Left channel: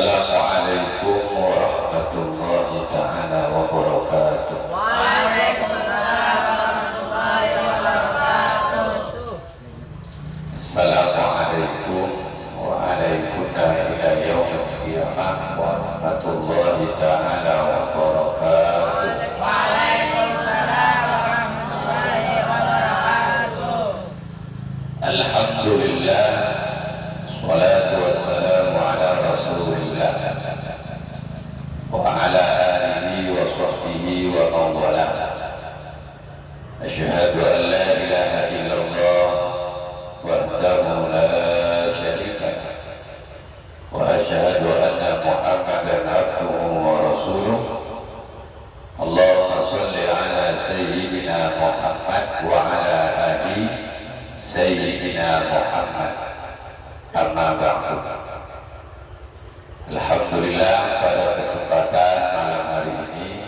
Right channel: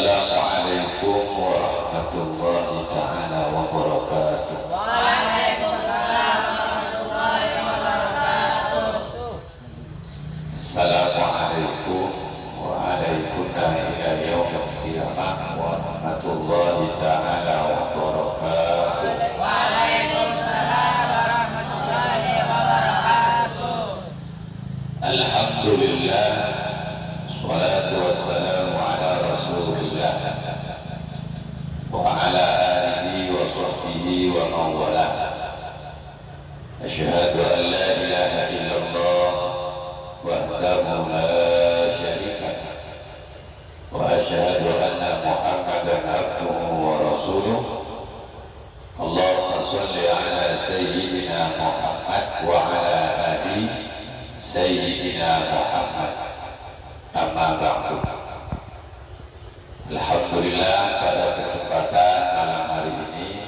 Assalamualaikum warahmatullahi taala wabarakatuh. Waalaikumsalam warahmatullahi wabarakatuh. Assalamualaikum waalaikumsalam ila yaumil qiyamah warahmatullahi taala wabarakatuh. Waalaikumsalam warahmatullahi wabarakatuh. Alhamdulillah, salatu wassalamu ala rasulillah wa ala alihi wa sahbihi wa man walah. Asyhadu an la ilaha illallah wahdahu la syarika lah wa asyhadu anna Muhammadan abduhu wa rasuluh. Allahumma shalli ala sayyidina Muhammad wa ala ali sayyidina Muhammad. Amma ba'du. Alhamdulillah, pada kesempatan malam hari ini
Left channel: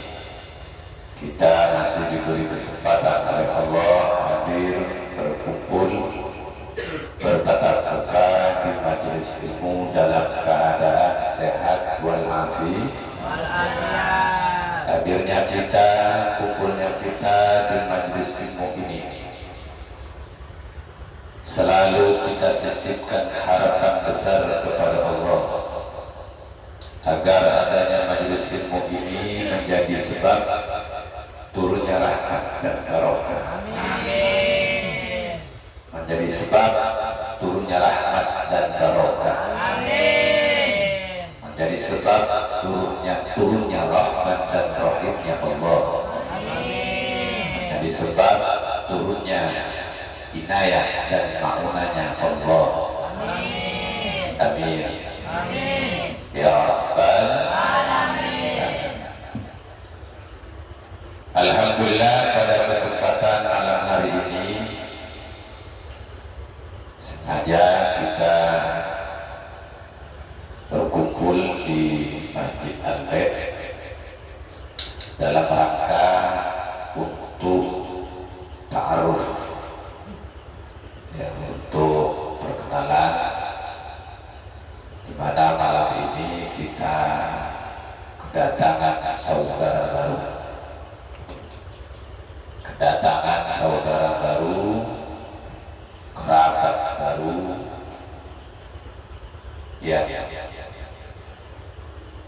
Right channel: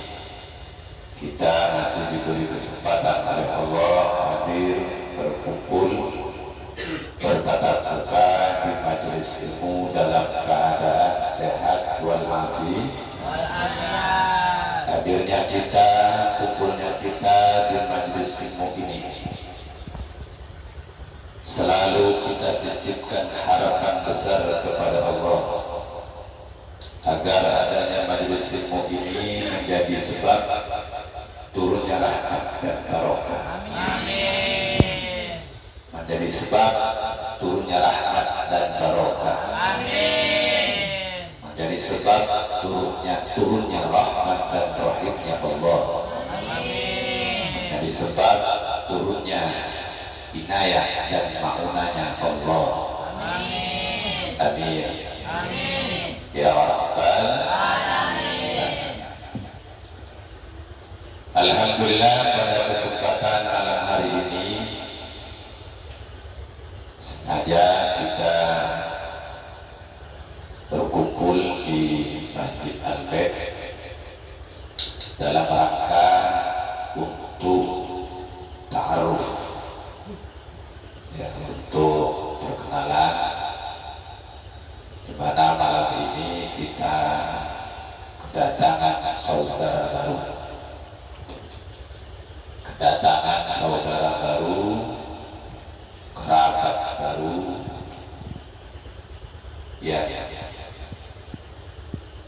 kita masih diberi kesempatan oleh Allah hadir berkumpul bertatap muka di majelis ilmu dalam keadaan sehat walafiat. Hadirnya kita, kumpulnya kita di majelis ilmu ini selalu kita sisipkan harapan besar kepada Allah agar adanya majelis ilmu ini menjadi sebab turunnya rahmat dan barokah. Amin. Menjadi sebab turunnya rahmat dan barokah. Amin. Menjadi sebab turunnya rahmat dan rahimnya Allah. Amin. Menjadi sebab turunnya inayah dan ma'unanya Allah. Amin. Amin. Amin. Ya Rabbal Alamin. Alhamdulillah, pada kesempatan malam hari ini sengaja kita berkumpul di Masjid Al-Bait dalam rangka untuk ta'aruf, ya, untuk perkenalan, di mana malam ini kita kedatangan saudara baru, kerabat baru, ya,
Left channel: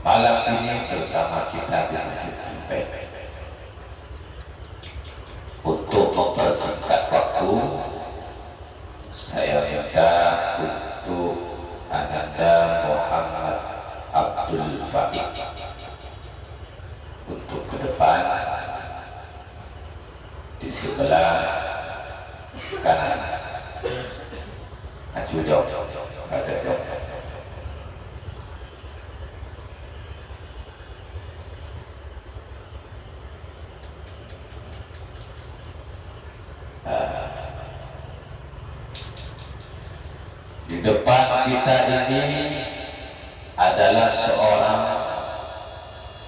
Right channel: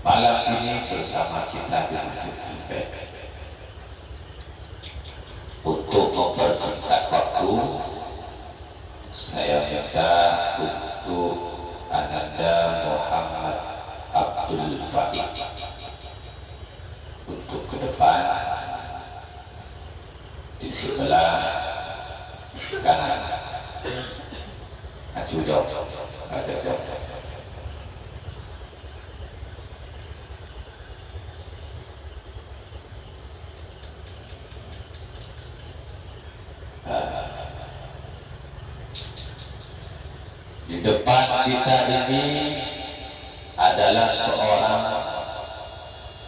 malam ini bersama kita di Masjid Al-Bait. Untuk mempersingkat waktu, saya minta untuk Ananda Muhammad Abdul Fatih untuk ke depan di sebelah kanan. Maju jauh, ada jauh. Di depan kita ini adalah seorang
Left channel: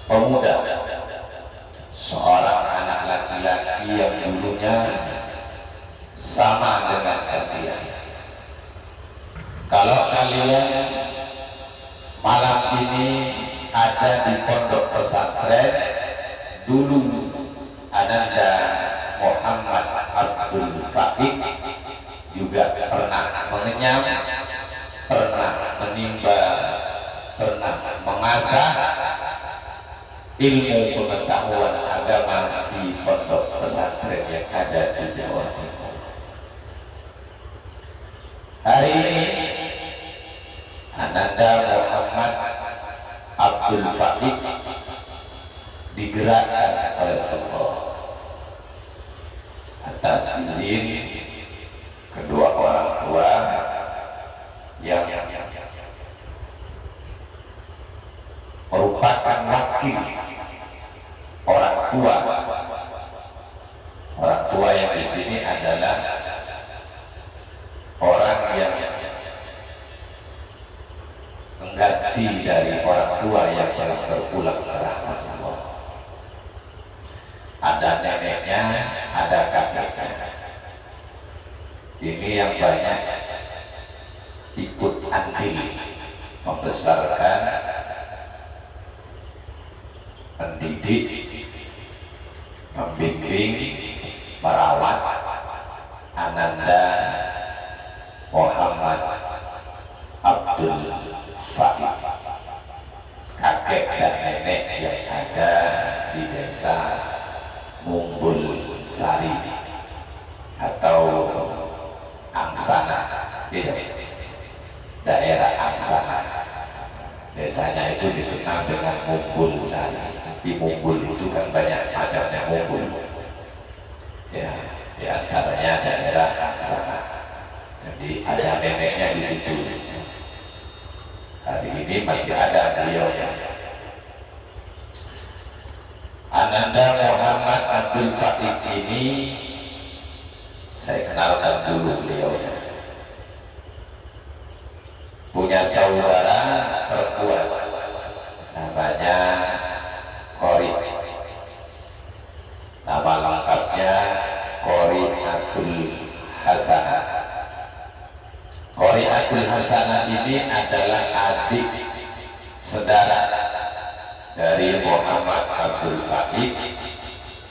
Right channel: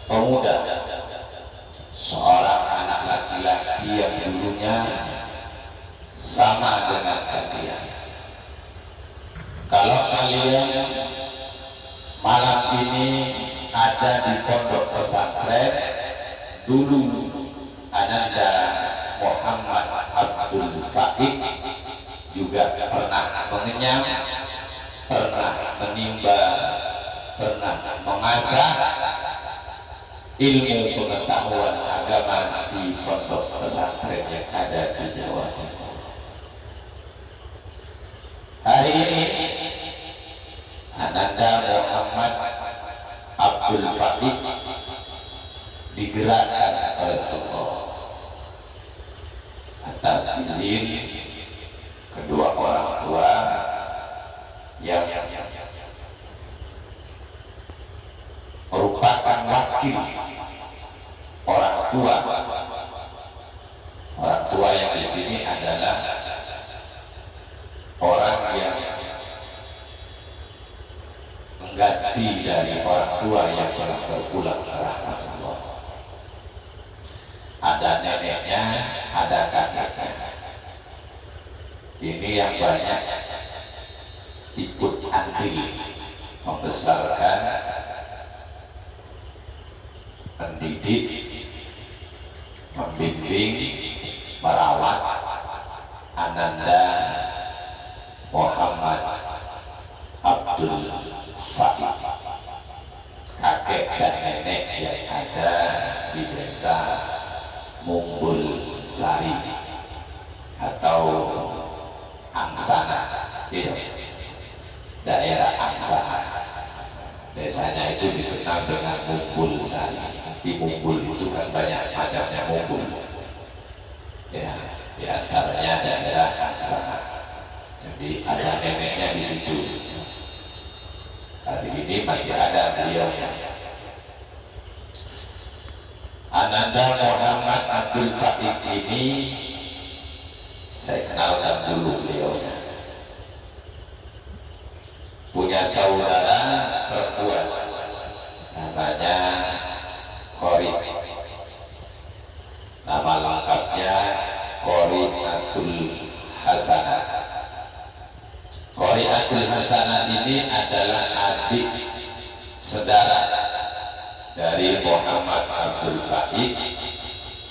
pemuda, seorang anak laki-laki yang dulunya sama dengan kalian. Kalau kalian malam ini ada di pondok pesantren, dulu Ananda Muhammad Abdul Fatih juga pernah mengenyam, pernah menimba, pernah mengasah ilmu pengetahuan agama di pondok pesantren yang ada di Jawa Timur. Hari ini Ananda Muhammad Abdul Fatih digerakkan oleh Allah atas izin kedua orang tua yang merupakan wakil orang tua yang di sini adalah orang yang mengganti dari orang tua yang telah berpulang ke rahmat Allah. Ada neneknya, ada kakeknya. Ini yang banyak ikut andil membesarkan mendidik, membimbing, merawat Ananda Muhammad Abdul Fahid, kakek dan nenek yang ada di desa Mumbul Sari atau Angsana, daerah Angsana. Desanya itu dikenal dengan Mumbul Sari. Di Mumbul itu kan banyak macamnya mumbul. Ya, di antaranya daerah Angsana. Jadi ada neneknya di situ. Hari ini masih ada beliaunya. Ananda Muhammad Abdul Fahid ini saya kenalkan dulu beliaunya. Punya saudara perempuan namanya Qori. Nama lengkapnya Qoriatul Hasanah. Qoriatul Hasanah ini adalah adik saudara dari Muhammad Abdul Fahid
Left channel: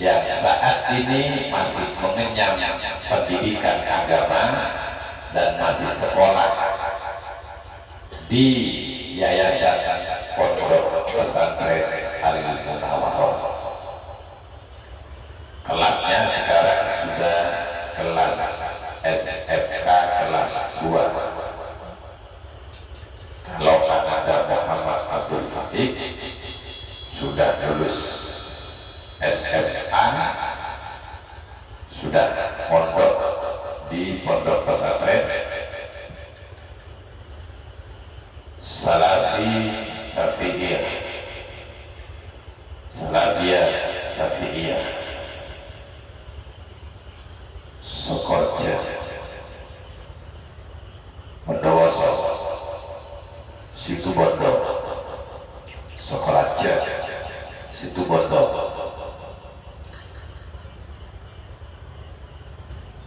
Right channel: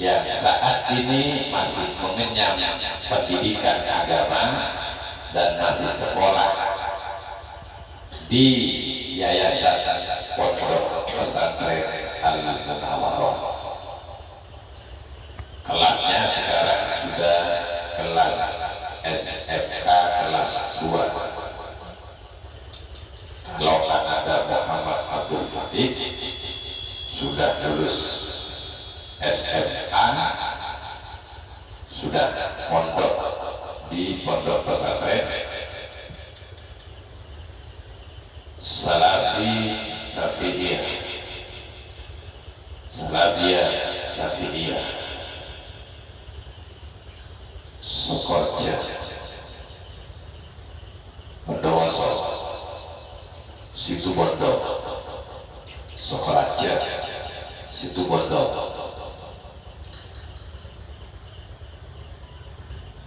yang saat ini masih mengenyam pendidikan agama dan masih sekolah di Yayasan Pondok Pesantren Al-Munawwarah. Kelasnya sekarang sudah kelas SMK kelas 2. Kalau Ananda Muhammad Abdul Fahid sudah lulus SMA, sudah mondok di Pondok Pesantren Salafiyah Sokorja Bondowoso Situbondo Sokoraja Situbondo.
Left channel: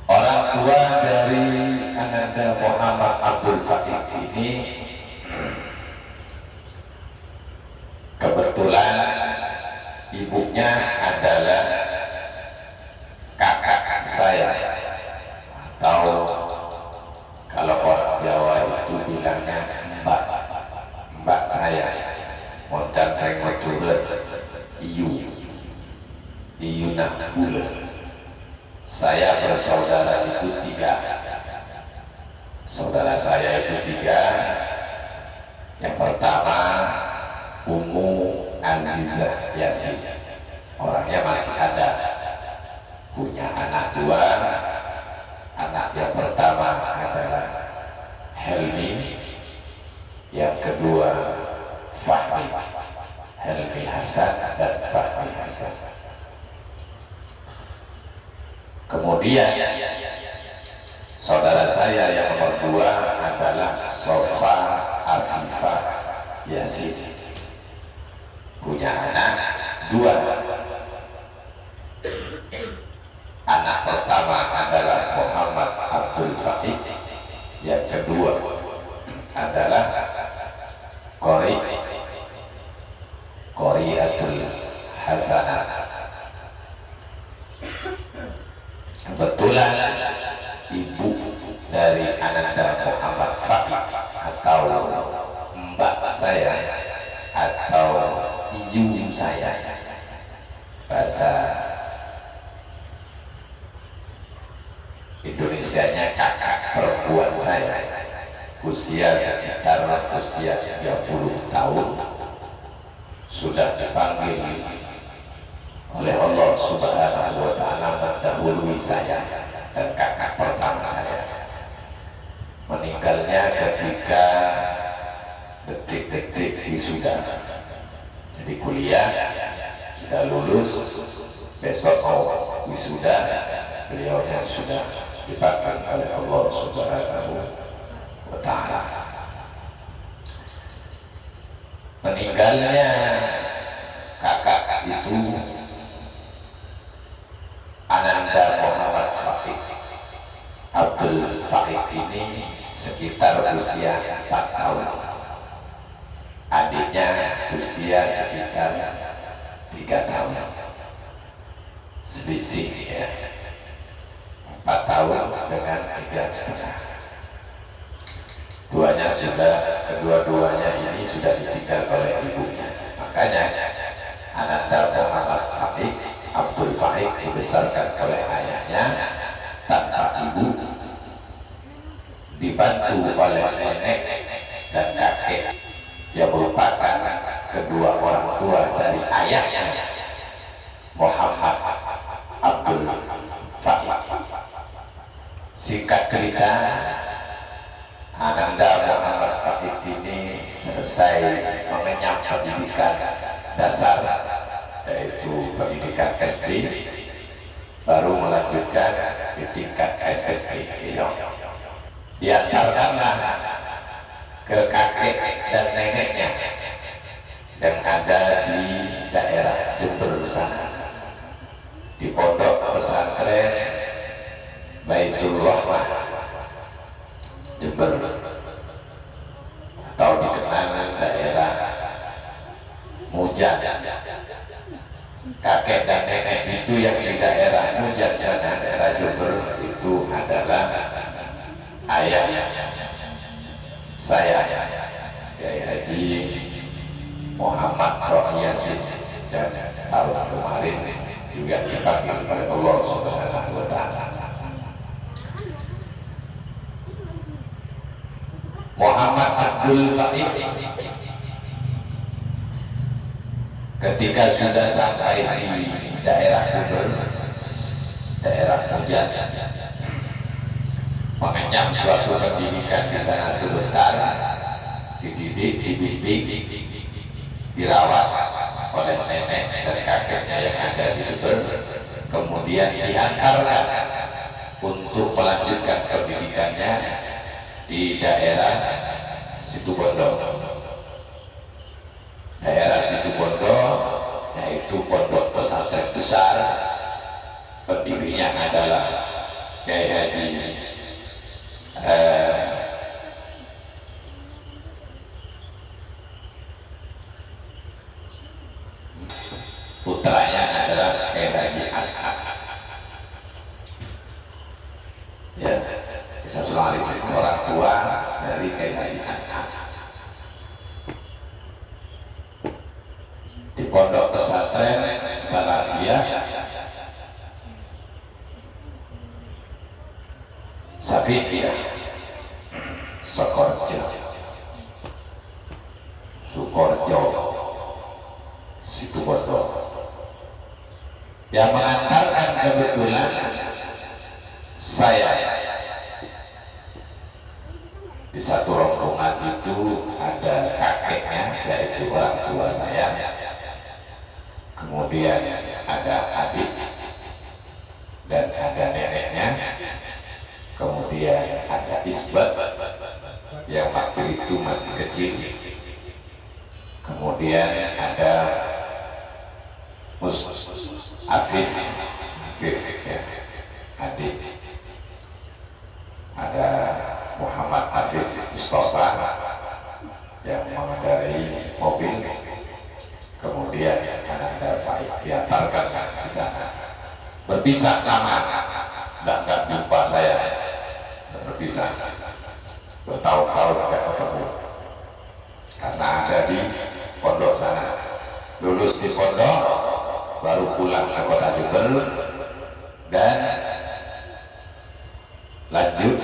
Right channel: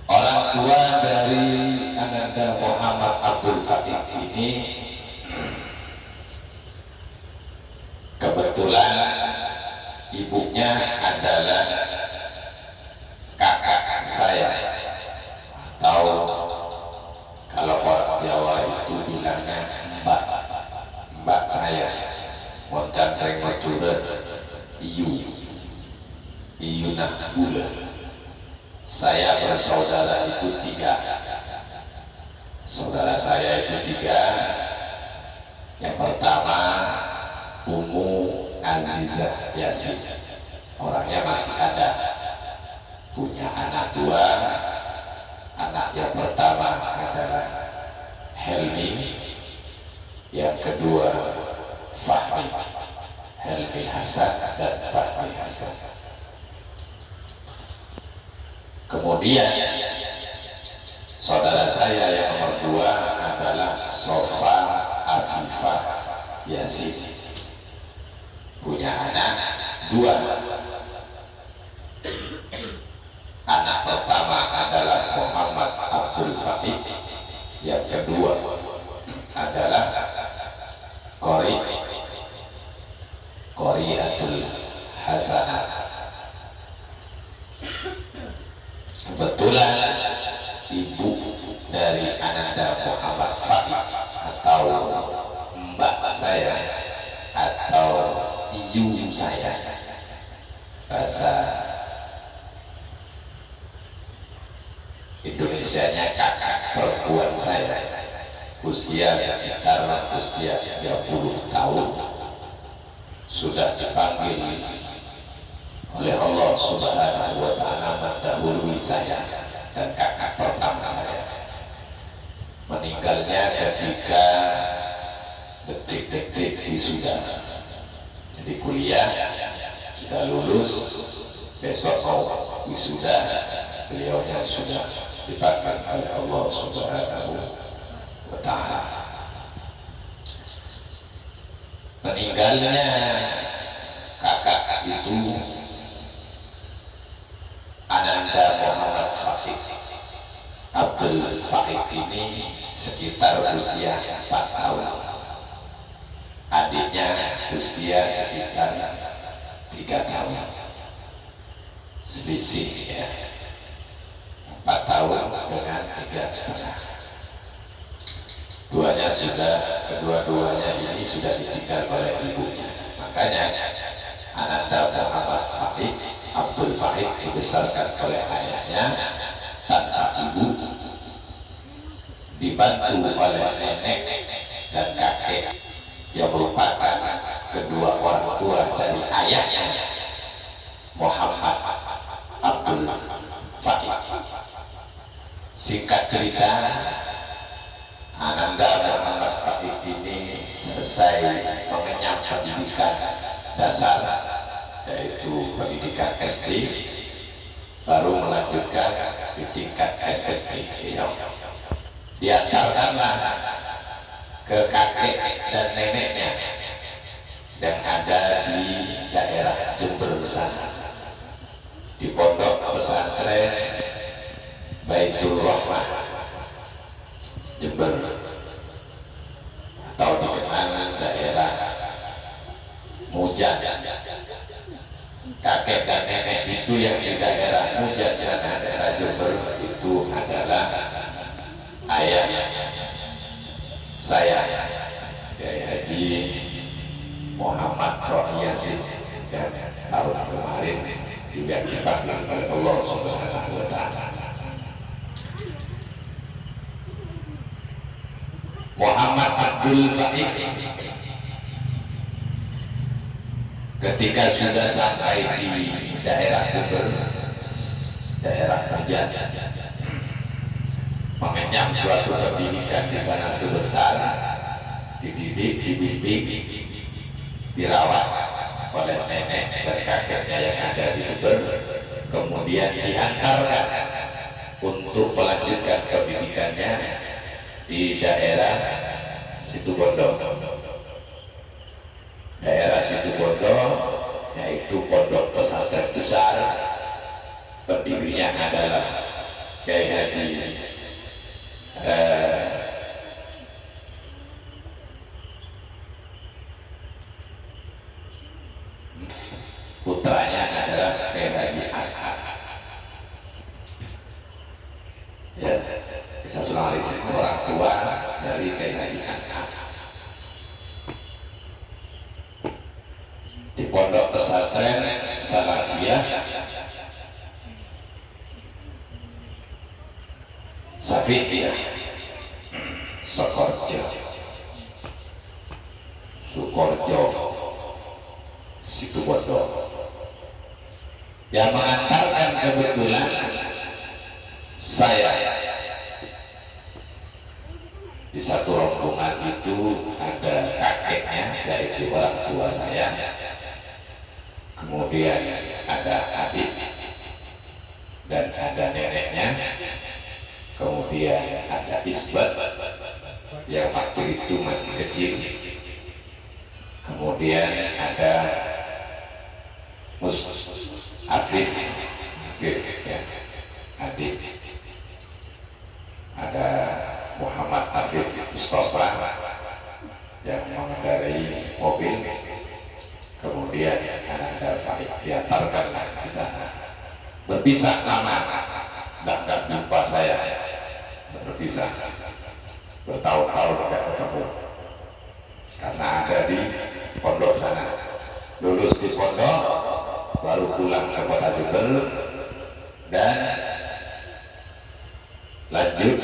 Orang tua dari Ananda Muhammad Abdul Fahid ini kebetulan ibunya adalah kakak saya, atau kalau orang Jawa itu bilangnya mbak saya. Moncan reng turun iyu nak bulan. Saya bersaudara itu 3. Saudara saya itu 3. Yang pertama Ummu Azizah Yasin, orangnya masih ada, punya anak 2. Anak yang pertama adalah Helmi, yang kedua Fahmi, Helmi Hasan dan Fahmi Hasan. Kemudian saudara saya yang nomor 2 adalah Sofa Afifah Yasin, punya anak 2. Anak pertama adalah Muhammad Abdul Fahid, yang kedua adalah Qoriatul Hasanah. Kebetulan ibu dari Ananda Muhammad Fahid atau mbak saya atau ibu saya, bahasa Indonesianya kakak perempuan saya, usia sekitar usia 30 tahun, sudah dipanggil oleh Allah Subhanahu wa Ta'ala mendahului saya dan kakak pertama saya. Meninggalnya ketika detik-detik wisuda. Jadi kuliah sudah lulus, besok mau wisuda, beliaunya sudah dipanggil oleh Allah Subhanahu wa Ta'ala. Meninggalnya kakak itu Ananda Muhammad Fahid Abdul Fahid ini sekitar usia 4 tahun. Adiknya usia sekitar 3 tahun selisih ya, 4 tahun dengan 3,5. Kedua-duanya ini sudah ditinggal oleh ibunya. Makanya Ananda Muhammad Faik Abdul Faik dibesarkan oleh ayahnya tanpa ibu, dibantu oleh nenek dan kakek yang merupakan kedua orang tua dari ayahnya Muhammad Abdul Faik. Singkat cerita, Ananda Muhammad Faik ini selesai mengenyam pendidikan dasar, yaitu pendidikan SD, baru melanjutkan di tingkat SMP. Diantarkanlah ke kakek dan neneknya yang ada di daerah Jember sana, di pondok pesantren Baitul Rahmah Jember, atau dikenal daerah Mujan. Kakek dan nenek itu yang di daerah Mujan sana, daerah Jember, itu adalah ayah saya, Kiai Haji Muhammad Roh Yasin, dan tahun kemarin juga dipanggil oleh Allah Subhanahu wa Ta'ala. Muhammad Abdul Faik ketika sudah sampai di daerah Jember, daerah Mujan, mengenyam suatu pendidikan di sana sebentar, dididik, dibimbing, dirawat oleh nenek dan kakeknya yang ada di Jember, kemudian diantarkan untuk melanjutkan pendidikannya di daerah Situbondo. Daerah Situbondo yaitu pondok pesantren besar, pendirinya adalah Kiai Haji putranya adalah Kiai Haji Ash'ad. Ya, satu kali orang tua dari Kiai Haji Ash'ad. Di pondok pesantren Salafiyah Safiyah Sukorjo Situbondo, yang mengantarkan kebetulan saya. Di satu rombongan itu ada kakeknya, yaitu orang tua saya, kemudian ada adik dan ada neneknya, kemudian ada isbat yang waktu itu masih kecil, kemudian ada Afif ya, adik, ada Muhammad Afif Mustafa yang mengendarai mobil, kemudian Ananda Faik diantarkan di sana. Berpisah lama, nggak jumpa saya, berpisah bertahun-tahun nggak ketemu karena ada di pondok sana. Lulus di pondok, baru pulang ke kota Jember dan lanjut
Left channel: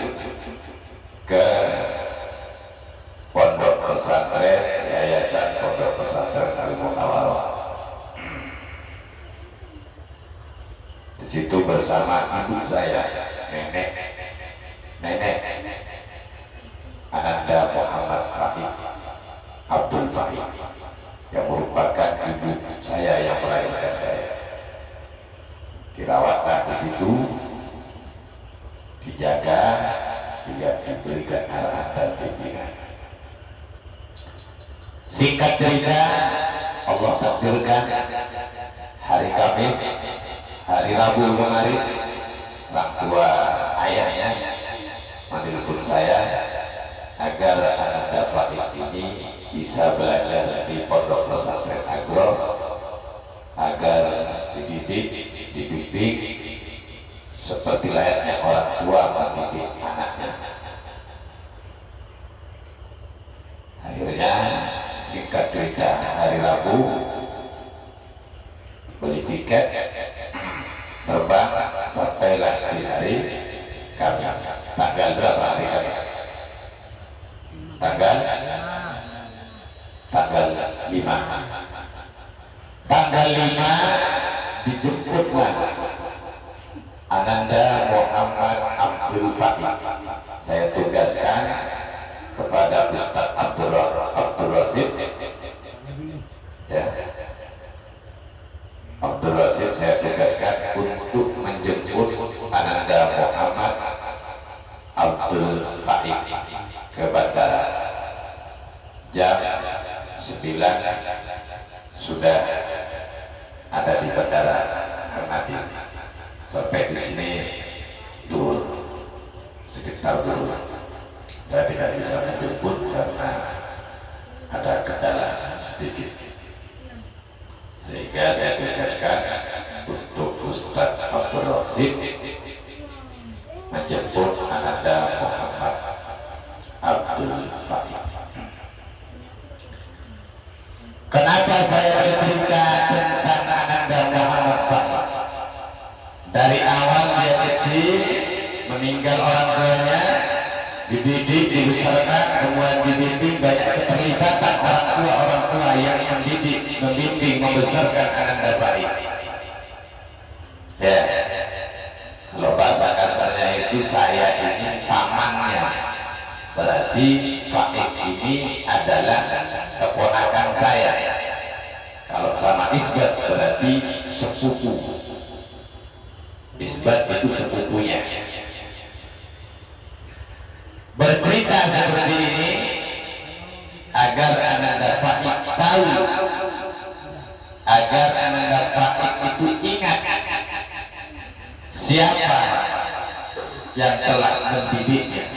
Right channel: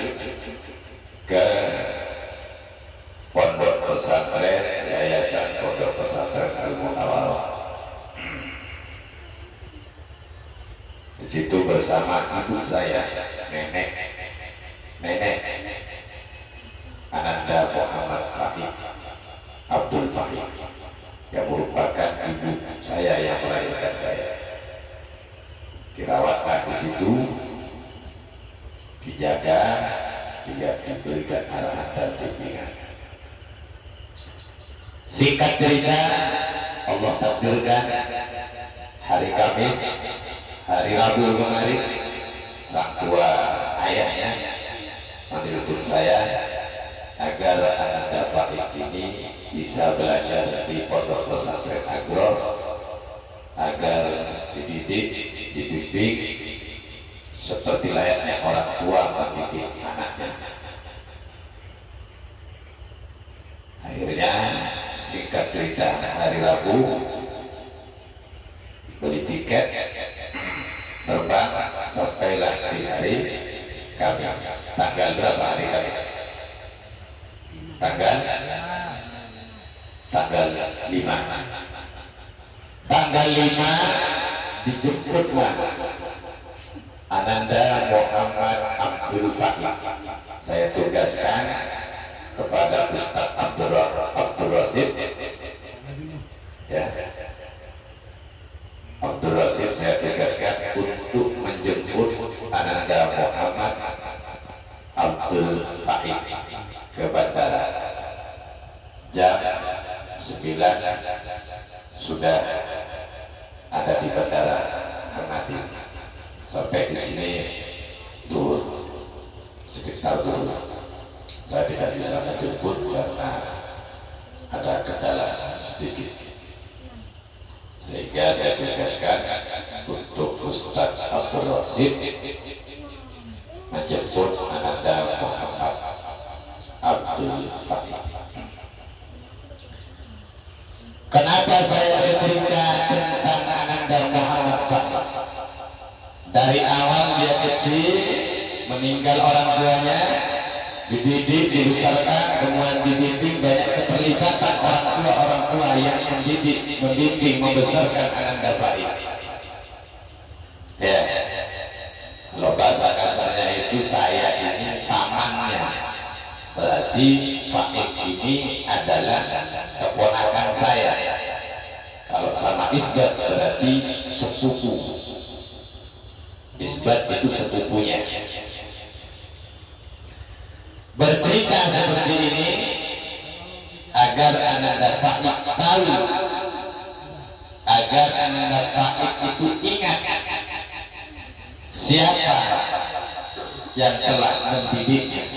ke pondok pesantren Yayasan Pondok Pesantren Al-Munawwarah. Di situ bersama ibu saya, nenek Ananda Muhammad Faik Abdul Faik, yang merupakan ibu saya yang melahirkan saya. Dirawatlah di situ, dijaga, juga diberikan arahan dan bimbingan. Singkat cerita, Allah takdirkan hari Kamis, hari Rabu kemarin, orang tua ayahnya menelpon saya agar Ananda Faik ini bisa belajar di Pondok Pesantren Agro agar dididik, dibimbing seperti layaknya orang tua mendidik anaknya. Akhirnya singkat cerita, hari Rabu beli tiket terbang sampailah di hari Kamis. Tanggal berapa hari Kamis? Tanggal 5. Tanggal 5 dijemputlah Ananda Muhammad Abdul Fakih. Saya tugaskan kepada Ustaz Abdul Rasid, ya, Abdul Rasid saya tugaskan untuk menjemput Ananda Muhammad Abdul Fakih ke bandara. Jam 9 sudah ada di bandara Hermati. Sampai di sini tur sekitar dulu. Saya tidak bisa menjemput karena ada kendala sedikit, sehingga saya tugaskan untuk Ustaz Abdul Rasid menjemput Ananda Muhammad Abdul Fakih. Kenapa saya bercerita tentang Ananda Muhammad Fakih? Dari awal dia kecil, meninggal orang tuanya, dididik, dibesarkan, kemudian dibimbing, banyak keterlibatan orang tua yang mendidik, membimbing, membesarkan Ananda Fakih. Ya, kalau bahasa kasarnya itu saya ini pamannya, berarti Fakih ini adalah keponakan saya. Kalau sama Isbat berarti sepupu. Isbat itu sepupunya. Bercerita seperti ini agar Ananda Fakih tahu, agar Ananda Fakih itu ingat siapa yang telah mendidiknya,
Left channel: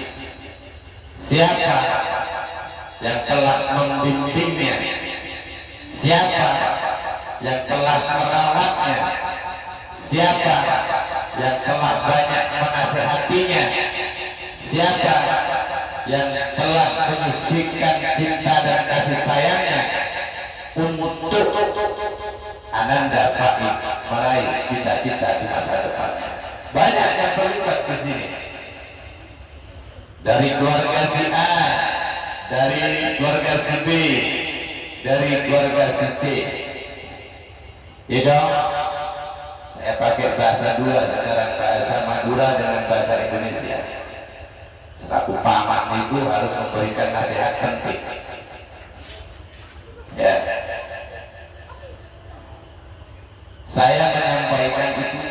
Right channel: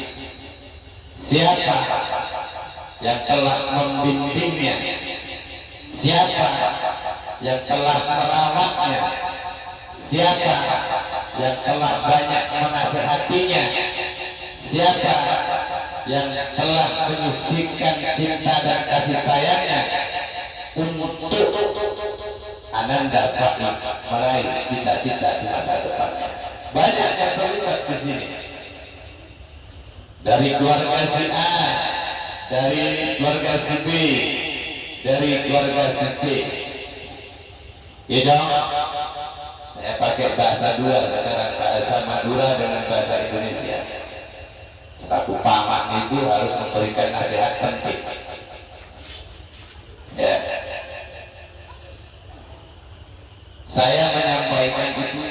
siapa yang telah membimbingnya, siapa yang telah merawatnya, siapa yang telah banyak menasihatinya, siapa yang telah menyisihkan cinta dan kasih sayangnya untuk Ananda Fakih meraih cita-cita di masa depannya. Banyak yang terlibat di sini, dari keluarga si A, dari keluarga si B, dari keluarga si C. Itu saya pakai bahasa dua sekarang, bahasa Madura dengan bahasa Indonesia. Selaku paman itu harus memberikan nasihat penting. Ya, saya menyampaikan itu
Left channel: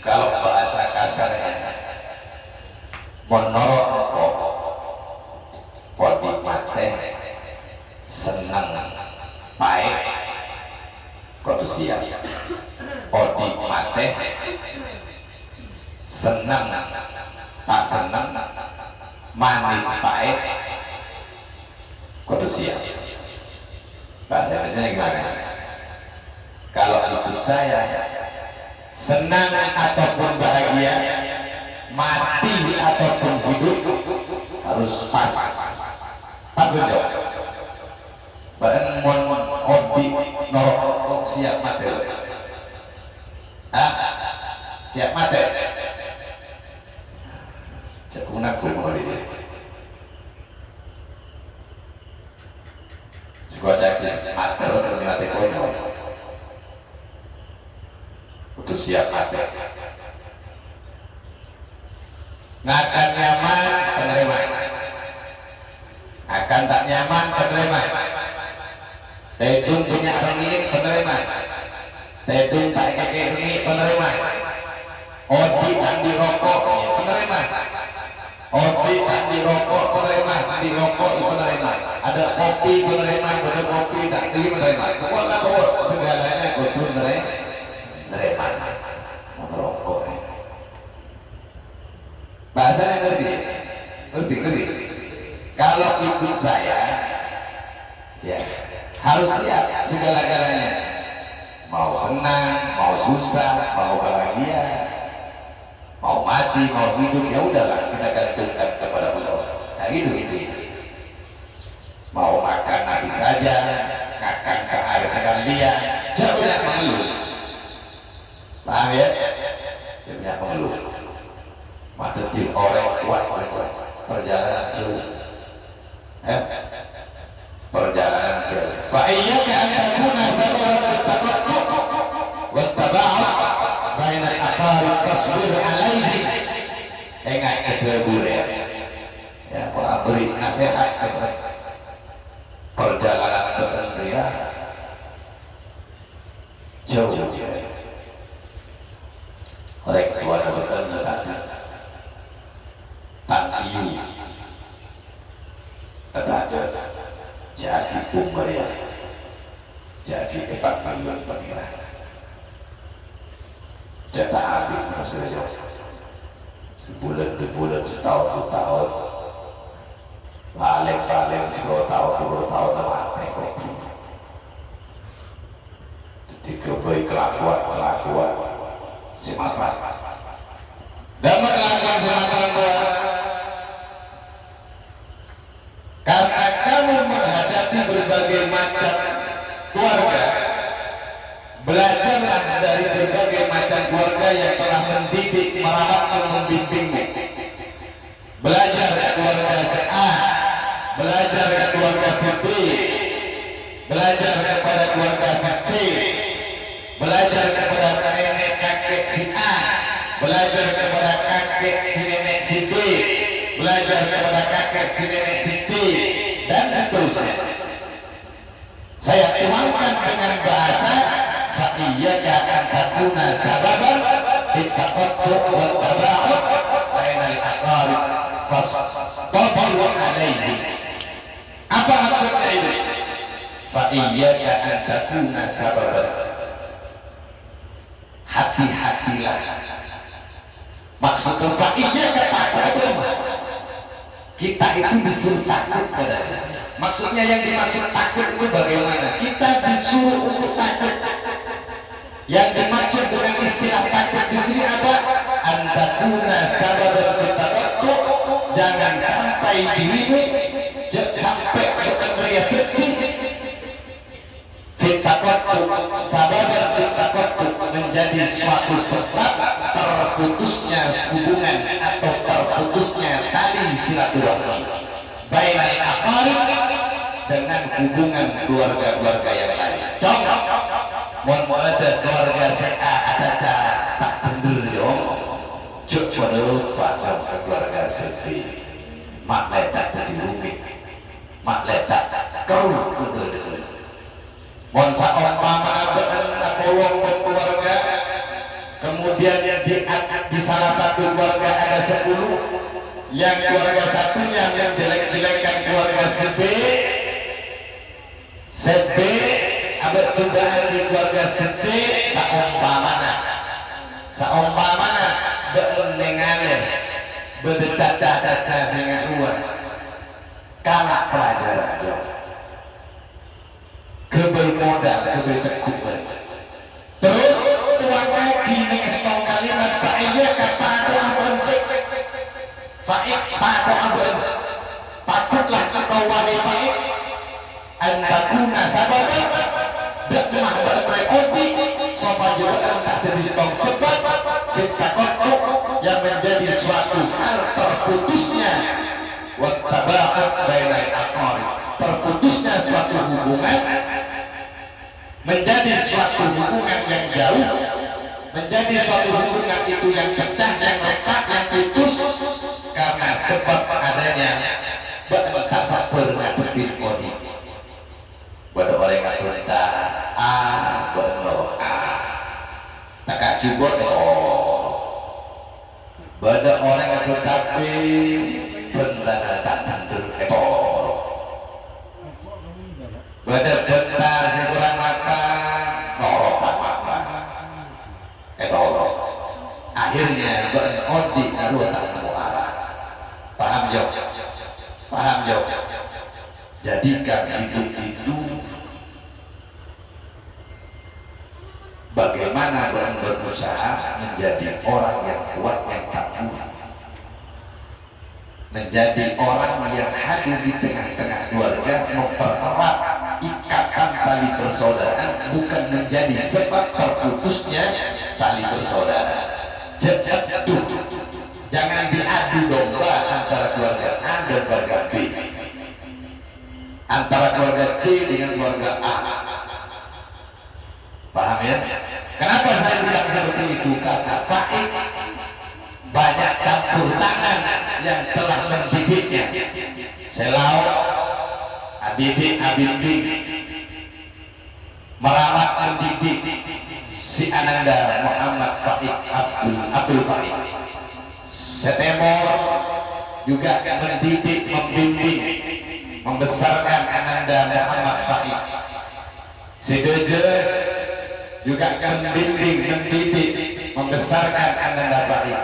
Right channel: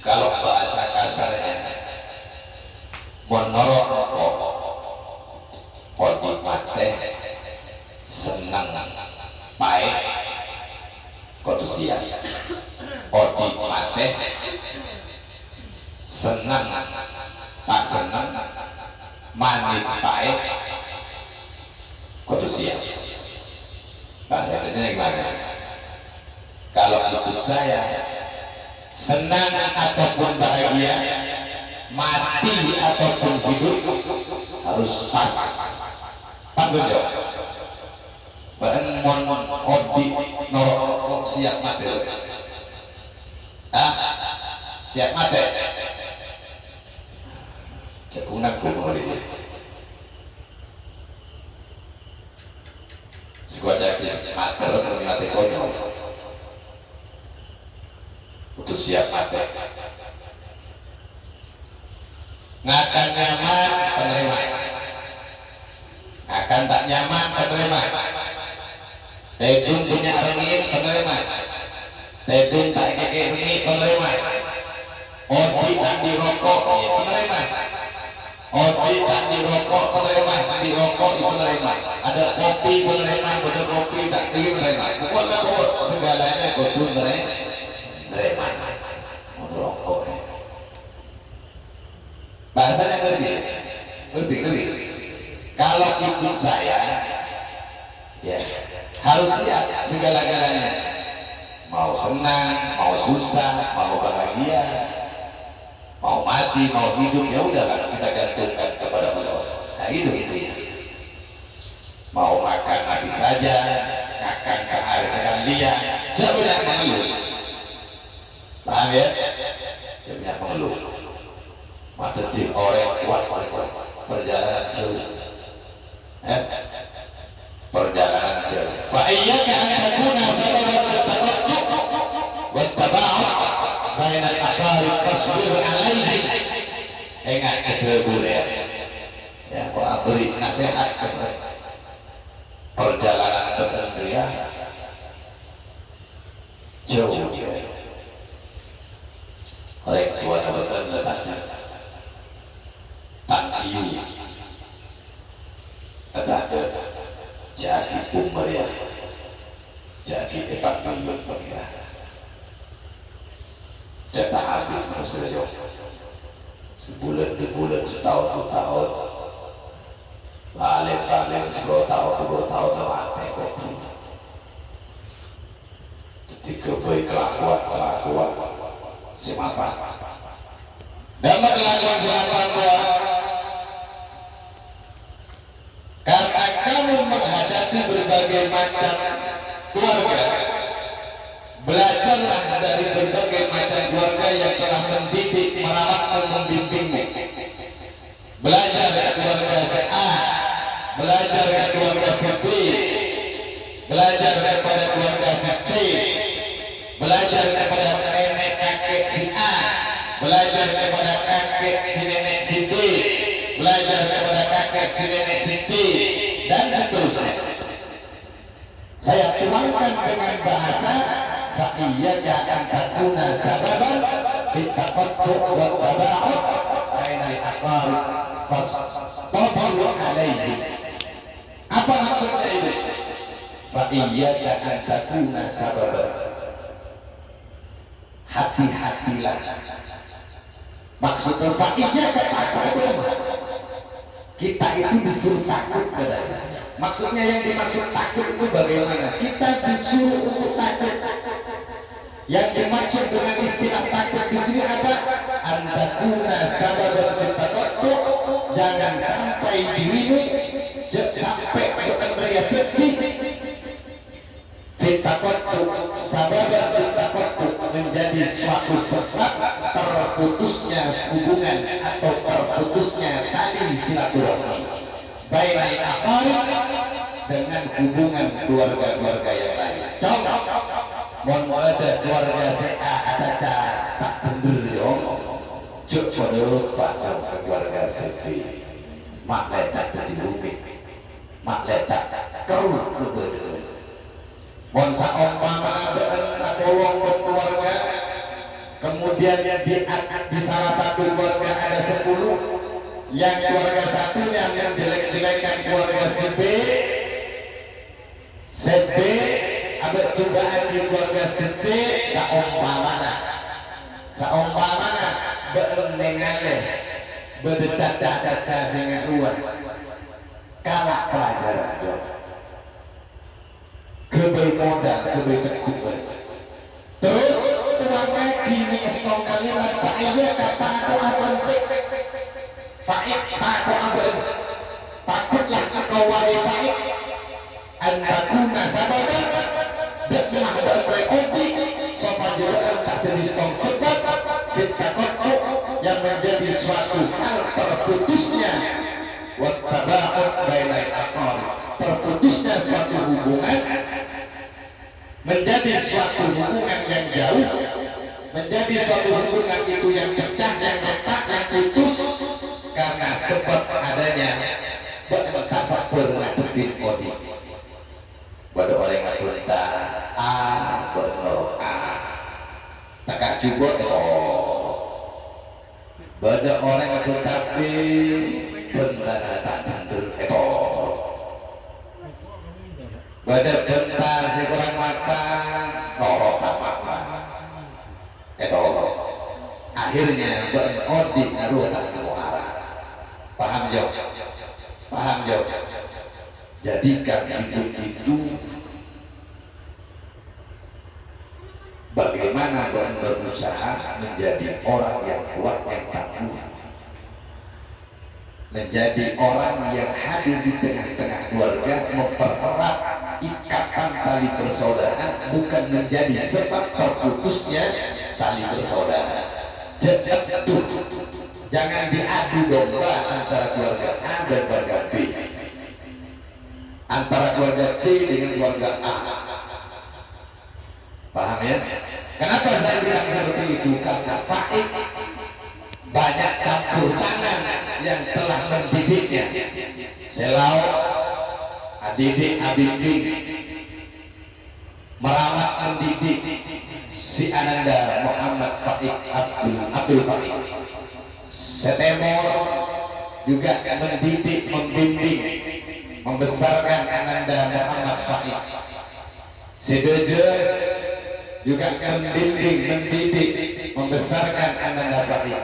kalau bahasa kasarnya menurut podi mate senang baik kotu siap, podi mate senang tak senang manis pahit kotu siap. Bahasa Indonesia gimana? Kalau ikut saya, senang ataupun bahagia, mati ataupun hidup, harus pas betul. Bahkan hobi norok siap mati. Siap mati. Kepungan kumuli. Juga jadi mati mati konyol. Untuk siap mati. Akan nyaman penerima, akan tak nyaman penerima. Tedun punya rengit penerima, tedun tak kekeh rengit penerima. Odi tak dirokok penerima, odi tak dirokok penerima, dirokok penerima. Ada kopi penerima, ada kopi tak penerima. Pokoknya segalanya kudu menerima. Merokok. Bahasanya ngerti. Kalau ikut saya, ya harus lihat segala-galanya. mau senang, mau susah, mau bahagia, mau mati, mau hidup, ya udahlah kita gantungkan kepada Allah. Nah gitu ya. Mau makan nasi saja, makan sehari sekalian, jangan mengeluh. Paham ya? Jangan mengeluh. Mateti orang kuat perjalanan jauh. Perjalanan jauh. Fa iyyaka an takuna sababan littaqattu wattaba'ud bainal aqarib fasbir 'alaihi. Ingat kedua boleh. Ya, Pak beri nasihat kepada perjalanan berendria jauh. Orang tua berendria tak iu kata jadi pemberia jadi tepat panggung pengira cetak habis manusia sebulan 2 bulan setahun 2 tahun paling 10 tahun 20 tahun mati ketika baik kelakuan semata dan kelakuan semata karena kamu menghadapi berbagai macam keluarga, belajarlah dari berbagai macam keluarga yang telah mendidik, merawat dan membimbingmu. Belajar ke keluarga si A, belajar ke keluarga si B, belajar kepada keluarga si C, belajar kepada nenek kakek si A, belajar kepada kakek si nenek si B, belajar kepada kakek si nenek si C, dan seterusnya. Saya tuangkan dengan bahasa fa iyyaka an takuna sababan littaqattu wattaba'ud bainal aqarib fastabir 'alaihi. Apa maksudnya itu? Fa iyyaka an takuna sababan, hati-hatilah. Maksudnya fa iyyaka takut, kita itu disuruh takut padanya. Maksudnya yang dimaksud takut itu bagaimana? Kita disuruh untuk takut. Yang dimaksud dengan istilah takut di sini apa? Antakuna sababan fitatatu, jangan sampai dirimu sampai bekerja detik fitatatu sababan fitatatu menjadi suatu sebab terputusnya hubungan atau terputusnya tali silaturahmi bainal aqarib, dengan hubungan keluarga-keluarga yang lain. Contoh, mau ada keluarga saya ada tak bener dong, coba pada ke keluarga sepi, mak letak jadi rumit, mak letak keruk ke monsa umpama bolong ke keluarga, kemudian di salah satu keluarga ada 10, yang keluarga satunya menjelek-jelekan keluarga si B, ada cobaan di keluarga si C, saumpamana berendengannya berdecaca-caca sehingga ruah kalah pelajaran jauh kebaik modal, kebaik tekuk. Terus tuan lagi mengesong kalimat fa'iyya kata Tuhan fa'id ta'atu abun, takutlah engkau wahai fa'id antakuna sababan bekmah berkoti sopa juraan tak teristong sebab fitakotku yang menjadi suatu hal terputusnya wattaba'ud bainal aqarib, terputusnya suatu hubungan menjadi suatu hubungan yang jauh, menjadi suatu hubungan itu yang pecah, yang retak, yang putus karena sebab adanya tak sabar ngadepin kodi. Pada orang ngatunta benar tak cuba pada orang ngatunta benar tak tentu pada benar si kurang makan norok tak makan akhirnya odi naruh tak arah. Paham jauh? Paham jauh? Jadikan hidup itu bagaimana berusaha menjadi orang yang kuat, yang tangguh, menjadi orang yang hadir di tengah-tengah keluarga, mempererat ikatan tali persaudaraan, bukan menjadi sebab terputusnya tali persaudaraan. Jangan diadu domba antara keluarga A dan keluarga B, antara keluarga C dengan keluarga A. Paham ya? Kenapa saya bilang seperti itu? Karena Faik banyak campur tangan yang telah mendidiknya. Selau, Adidik, Abimbing, merawat mendidik si Ananda Muhammad Faik Abdul Faik. Setemor juga mendidik, membimbing, membesarkan Ananda Muhammad Faik. Sidoje juga membimbing, mendidik, membesarkan Ananda Faik.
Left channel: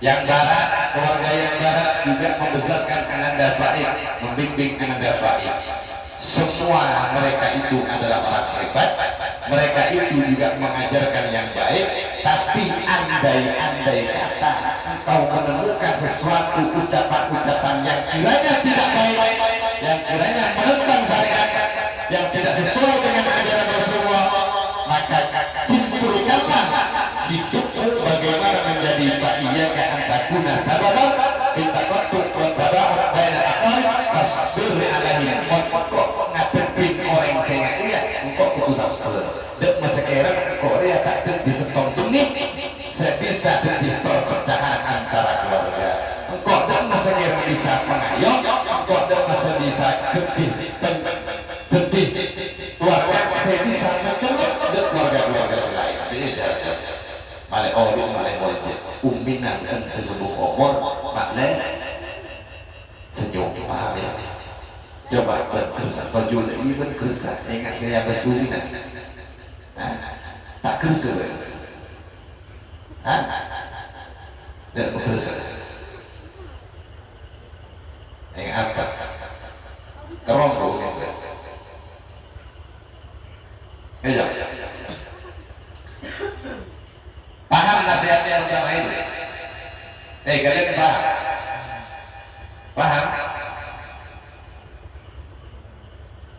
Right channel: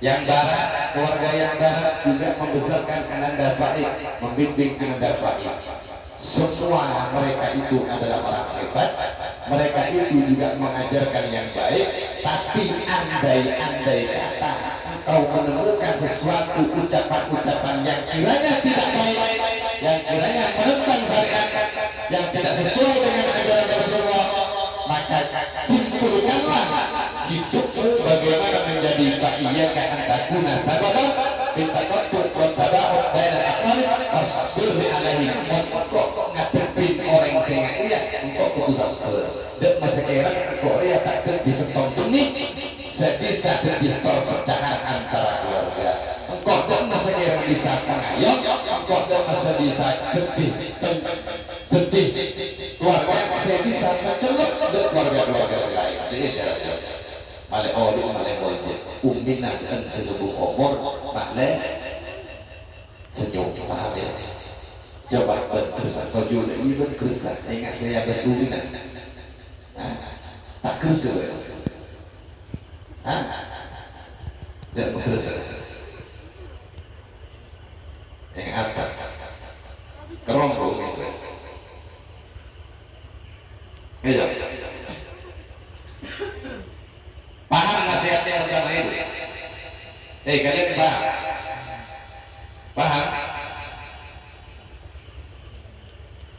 Yang barat, keluarga yang barat juga membesarkan Ananda Faik, membimbing Ananda Faik. Semua mereka itu adalah orang hebat, mereka itu juga mengajarkan yang baik. Tapi andai-andai kata engkau menemukan sesuatu ucapan-ucapan yang kiranya tidak baik, yang kiranya menentang syariat, yang tidak sesuai dengan ajaran Rasulullah, maka simpulkanlah hidupmu bagaimana menjadi fa'iyaka antakuna sababan fitaqattu wa taba'ud bainal aqarib fasbir alaihim. Kok ngadepin orang sing iya engkau kudu sabar. Dek masekeran Korea tak dadi setong benih sebisa dadi perpecahan antara keluarga. Engkau dek masekeran bisa pengayom, engkau dek masih bisa dadi keluarga sebisa mencelok dek keluarga-keluarga selain. Malai orang malai wajib uminan dan sesubuh umur malai senyum. Paham ya? Coba berkesan baju dari berkesan. Ingat saya habis uminan tak kerasa dan berkesan. Ingat apa? Kerombong ya. Paham nasihatnya pertama itu? Kalian paham? Paham?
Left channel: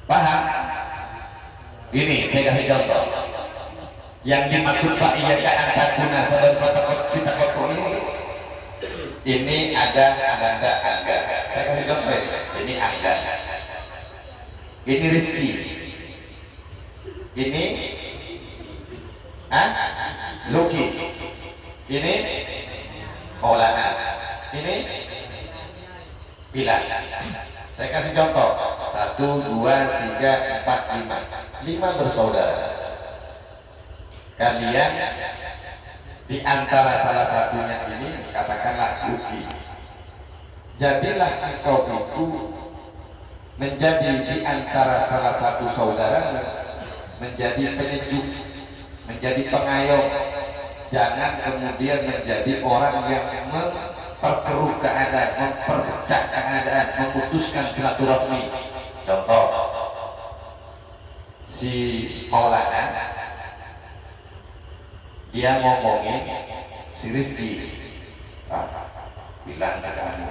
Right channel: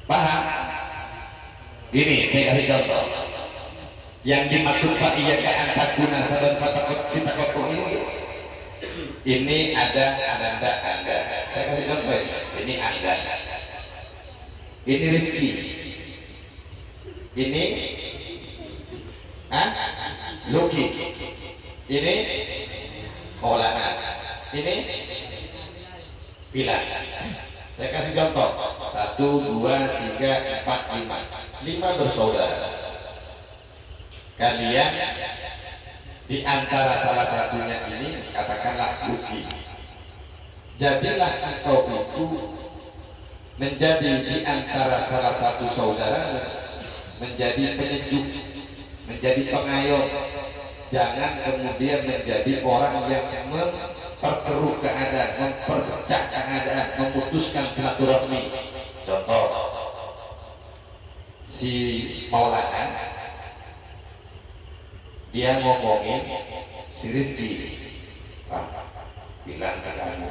Paham? Ini saya kasih contoh. Yang dimaksud fa'iyaka antakuna saban fitaqattu ini ada Ananda Angga. Saya kasih contoh ini Angga. Ini Rizki. Ini Luki. Ini Maulana. Ini Bilal. Saya kasih contoh 1, 2, 3, 4, 5 5 bersaudara. Kalian di antara salah satunya ini katakanlah Luki. Jadilah engkau itu menjadi di antara salah satu saudara, menjadi penyejuk, menjadi pengayom. Jangan kemudian menjadi orang yang memperkeruh keadaan, memperpecah keadaan, memutuskan silaturahmi. Contoh, si Maulana dia ngomongin si Rizki, bilang ke kamu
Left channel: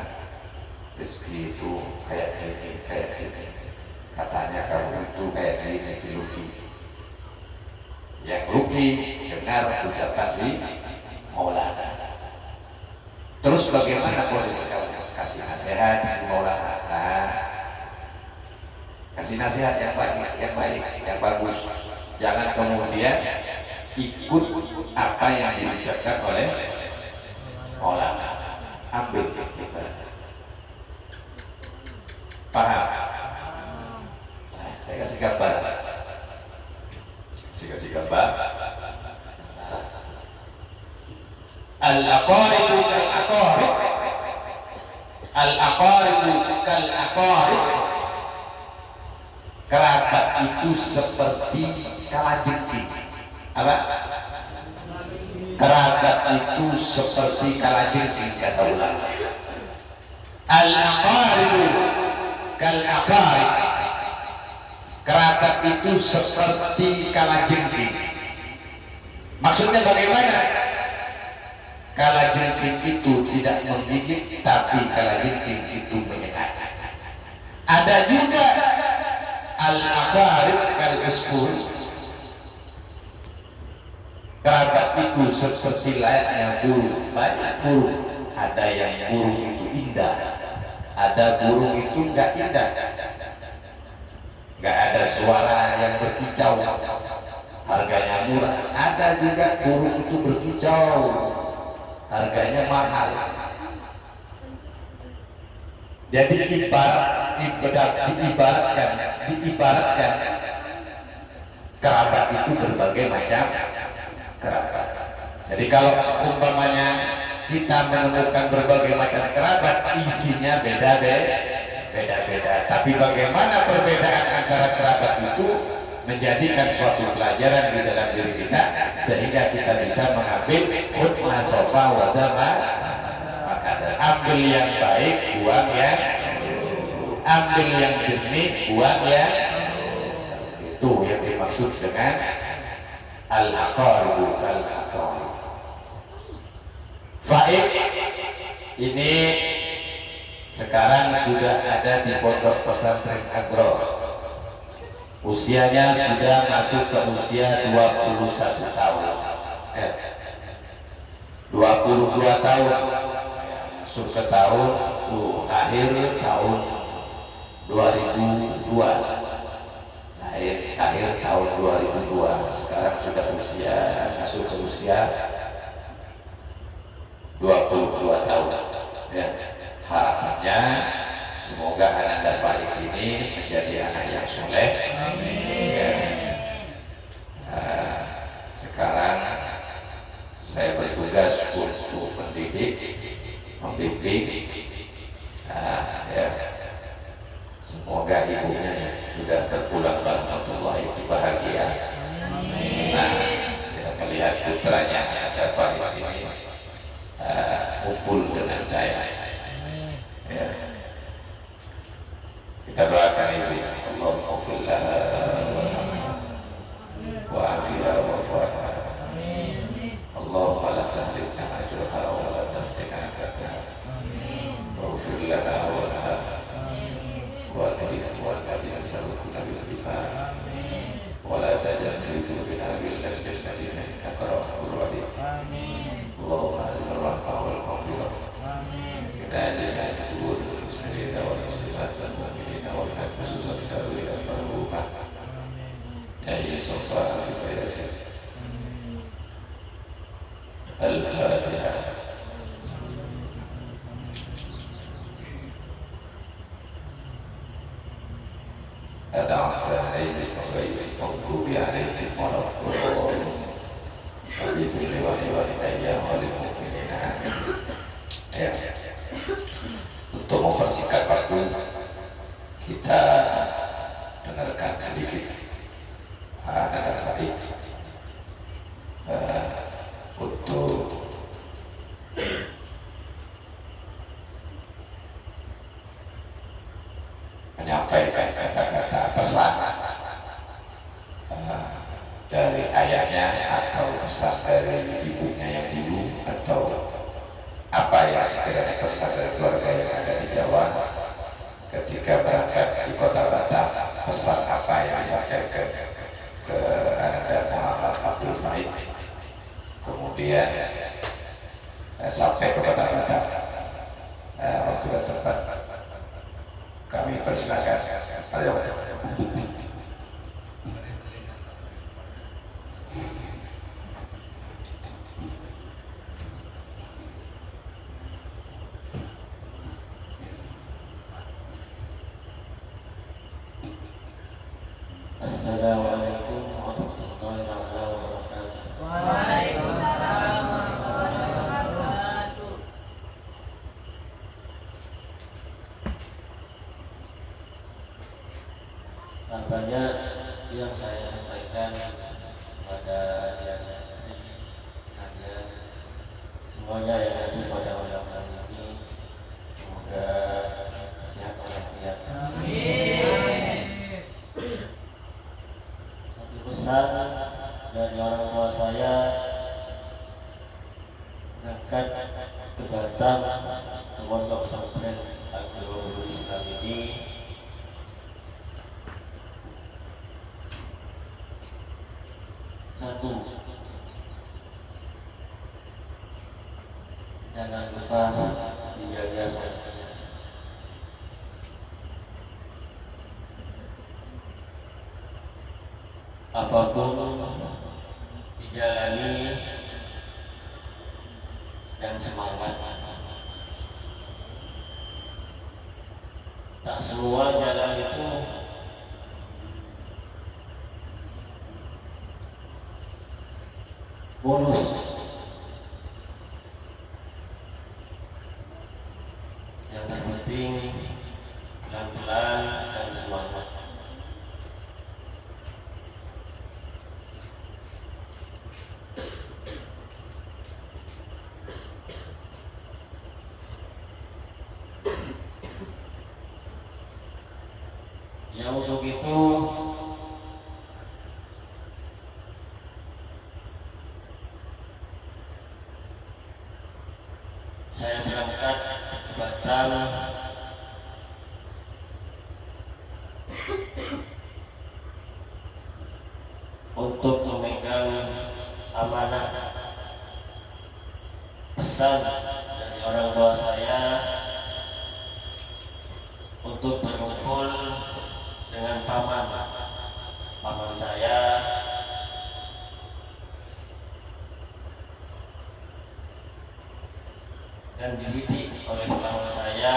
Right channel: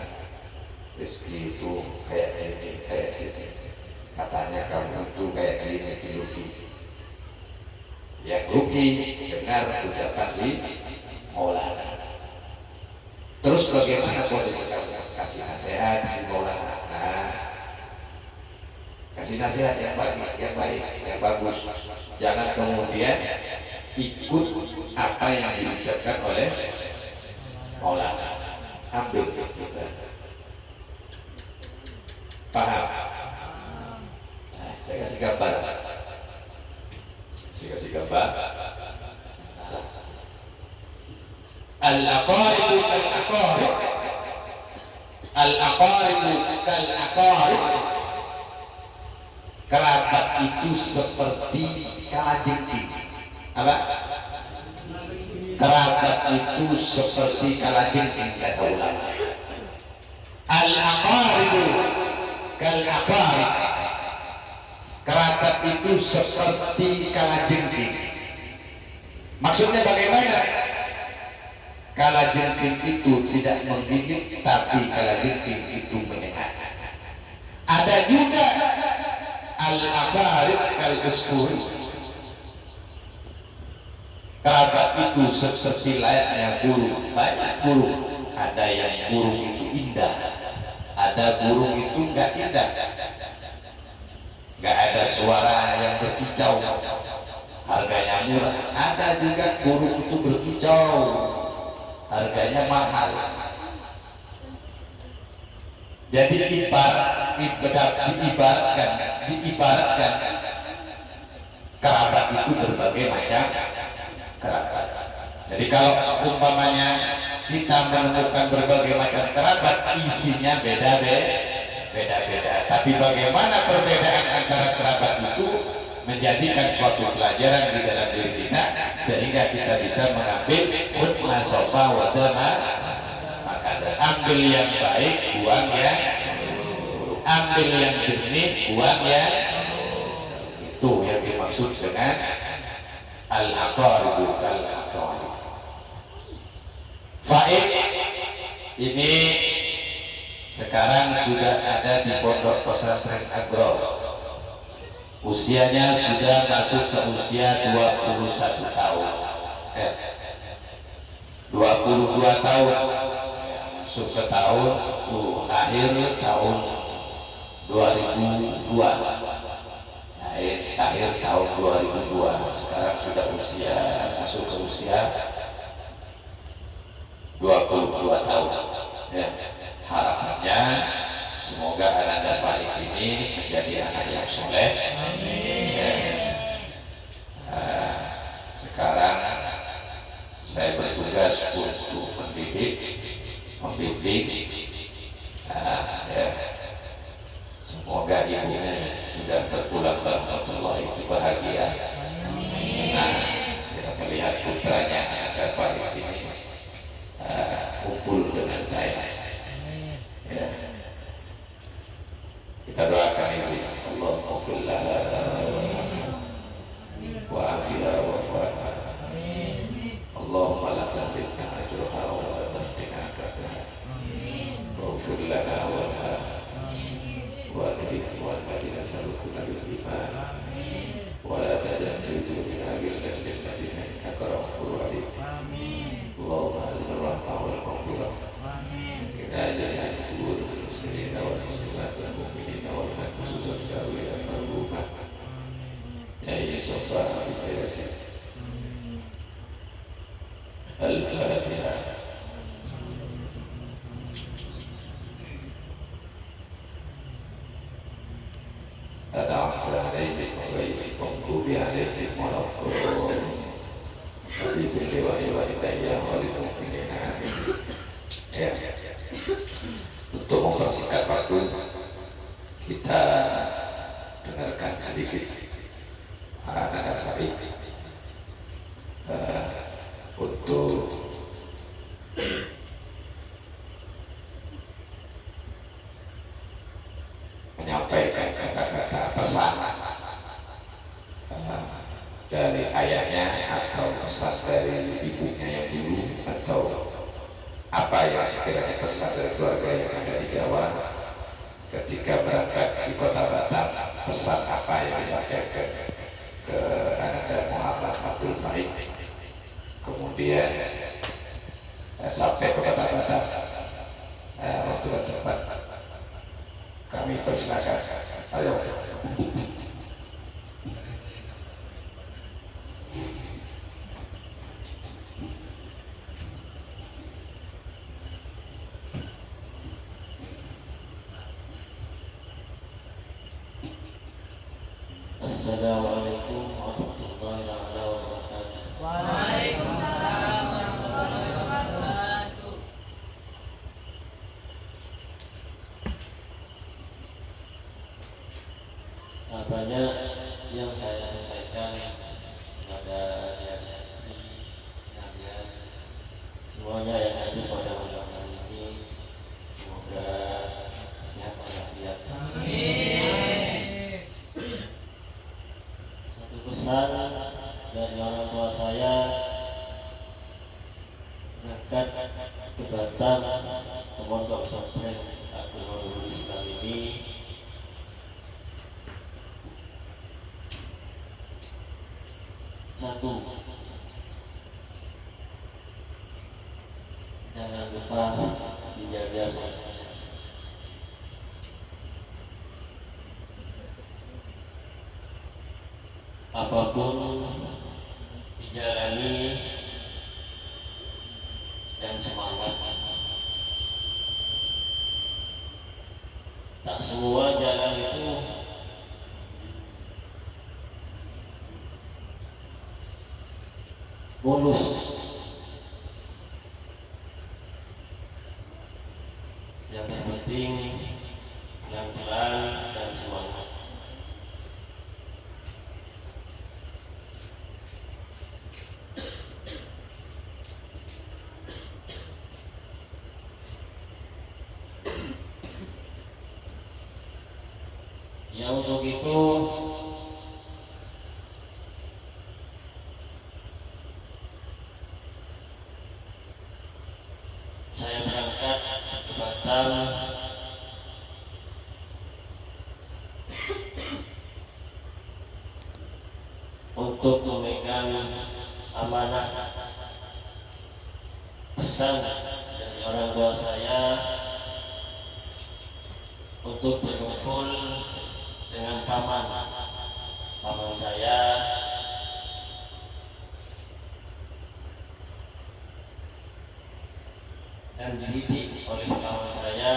Rizki itu kayak gini, katanya kamu itu kayak gini, Luki. Yang Luki dengar ucapan si Maulana. Terus bagaimana posisi kamu? Kasih nasihat si Maulana. Kasih nasihat yang baik, yang bagus. Jangan kemudian ikut apa yang diucapkan oleh Maulana. Ambil kita. Paham? Saya kasih gambar. Al-aqaribu kal-aqarib. Al-aqaribu kal-aqarib. Kerabat itu seperti kalajengking. Apa? Kerabat itu seperti kalajengking, kata ulama. Al-aqaribu kal-aqarib. Kerabat itu seperti kalajengking. Maksudnya bagaimana? Kalajengking itu tidak menggigit, tapi kalajengking itu menyengat. Ada juga al-aqarib kal-usfur. Kerabat itu seperti layaknya burung. Banyak burung. Ada yang burung itu indah, ada burung itu enggak indah, enggak ada suara yang berkicau, harganya murah. Ada juga burung itu berkicau, harganya mahal. Jadi diibaratkan kerabat itu berbagai macam kerabat. Jadi kalau umpamanya kita menemukan berbagai macam kerabat, isinya beda-beda. Tapi bagaimana perbedaan antara kerabat itu menjadikan suatu pelajaran di dalam diri kita, sehingga kita bisa mengambil hukma sofa wadama. Ambil yang baik, buang yang ambil yang jernih, buang yang itu yang dimaksud dengan al-aqaribu kal-aqarib. Faid ini sekarang sudah ada di Pondok Pesantren Agro. Usianya sudah masuk ke usia 21 tahun. 22 tahun. Masuk ke tahun akhir tahun 2002. Akhir tahun 2002. Sekarang sudah masuk ke usia 22 tahun. Ya, harapannya semoga Ananda Faik ini menjadi anak yang soleh. Ya. Sekarang saya bertugas untuk membimbing. Ya. Semoga ibunya sudah berpulang warahmatullahi bahagia. Senang melihat putranya Ananda Faik ini kumpul dengan saya. Ya. Kita doakan ibu, Allahumma kullah wa afiha wa fa'ha. Allahumma la tahrimna ajraha wa la taftina akadaha. Wa ufir lana wa laha wa ikhwana bina salukuna bil iman. Wa la tajal fi qulubina ghillan lil ladina innaka rahmanur rahim. Allahumma azil rahmah wal maghfirah. Hidayah al-qubur muslimin wal muslimat wal mu'minin wal khususan syarwi al-marhumah. Ya Sofa Al-Yasin Al-Fatihah. Ada'ata alaihim wa ghairihim maghdubi alaihim wa laddallin. Habibul liwani wa lidayya wa lil mu'minina. Ya. Untuk mempersingkat waktu, kita dengarkan sedikit anak baik untuk menyampaikan kata-kata pesan dari ayahnya atau pesan dari ibunya yang dulu, atau apa yang sekiranya pesan dari keluarga yang ada di Jawa ketika berangkat di kota Batam, pesan apa yang disampaikan ke Ananda Muhammad Abdul Faik, kemudian sampai ke kota Batam. Waktu dan tempat kami persilakan. Ayo. Assalamualaikum warahmatullahi wabarakatuh. Waalaikumsalam warahmatullahi wabarakatuh. Apanya yang saya sampaikan pada yang sekalian, semuanya yang ada pada undangan ini semoga sehat walafiat. Satu pesan dari orang tua saya, berangkat ke Batam ke Pondok Pesantren Al-Nurul Islam ini satu, jangan lupa dijaga sholatnya. Apapun dijalani dan semangat. Tak semua jalan itu mulus. Yang terpenting pelan-pelan dan semangat. Ya untuk itu saya berangkat ke Batam untuk memegang amanah pesan dari orang tua saya untuk berkumpul dengan paman saya dan dididik oleh paman saya,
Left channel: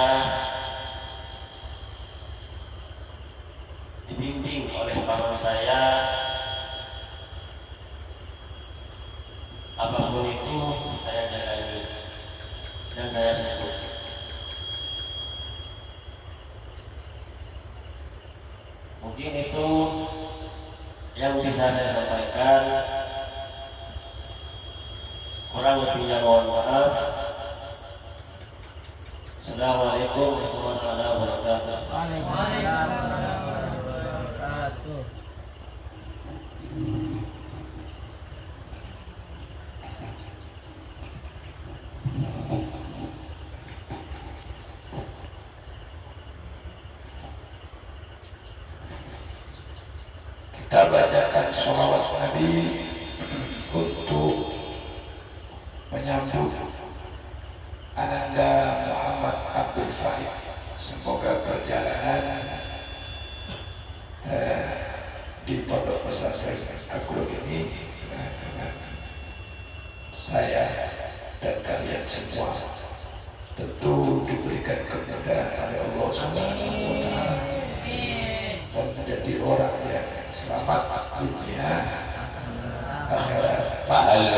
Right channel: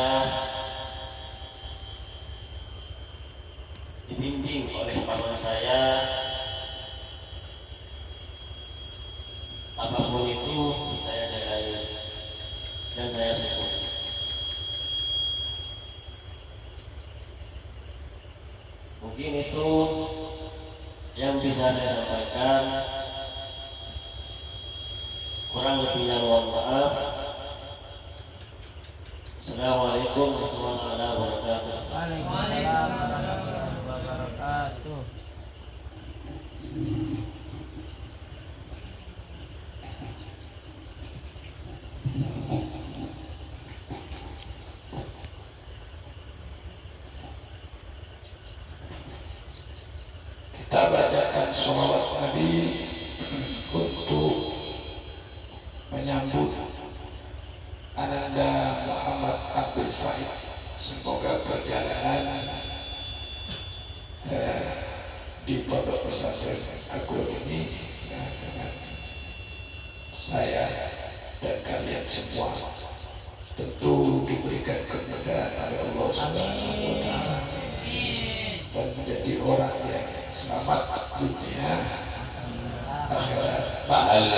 dibimbing oleh paman saya. Apapun itu saya jalani dan saya syukur. Mungkin itu yang bisa saya sampaikan. Kurang lebihnya mohon maaf. Assalamualaikum warahmatullahi wabarakatuh. Waalaikumsalam warahmatullahi wabarakatuh. Kita bacakan sholawat Nabi untuk menyambut Ananda Muhammad Abdul Fahid. Semoga perjalanan di Pondok Pesantren Al-Qur'an ini dengan saya dan kalian semua tentu diberikan kemudahan oleh Allah Subhanahu wa Ta'ala dan menjadi orang yang selamat dunia akhirat. Ma'al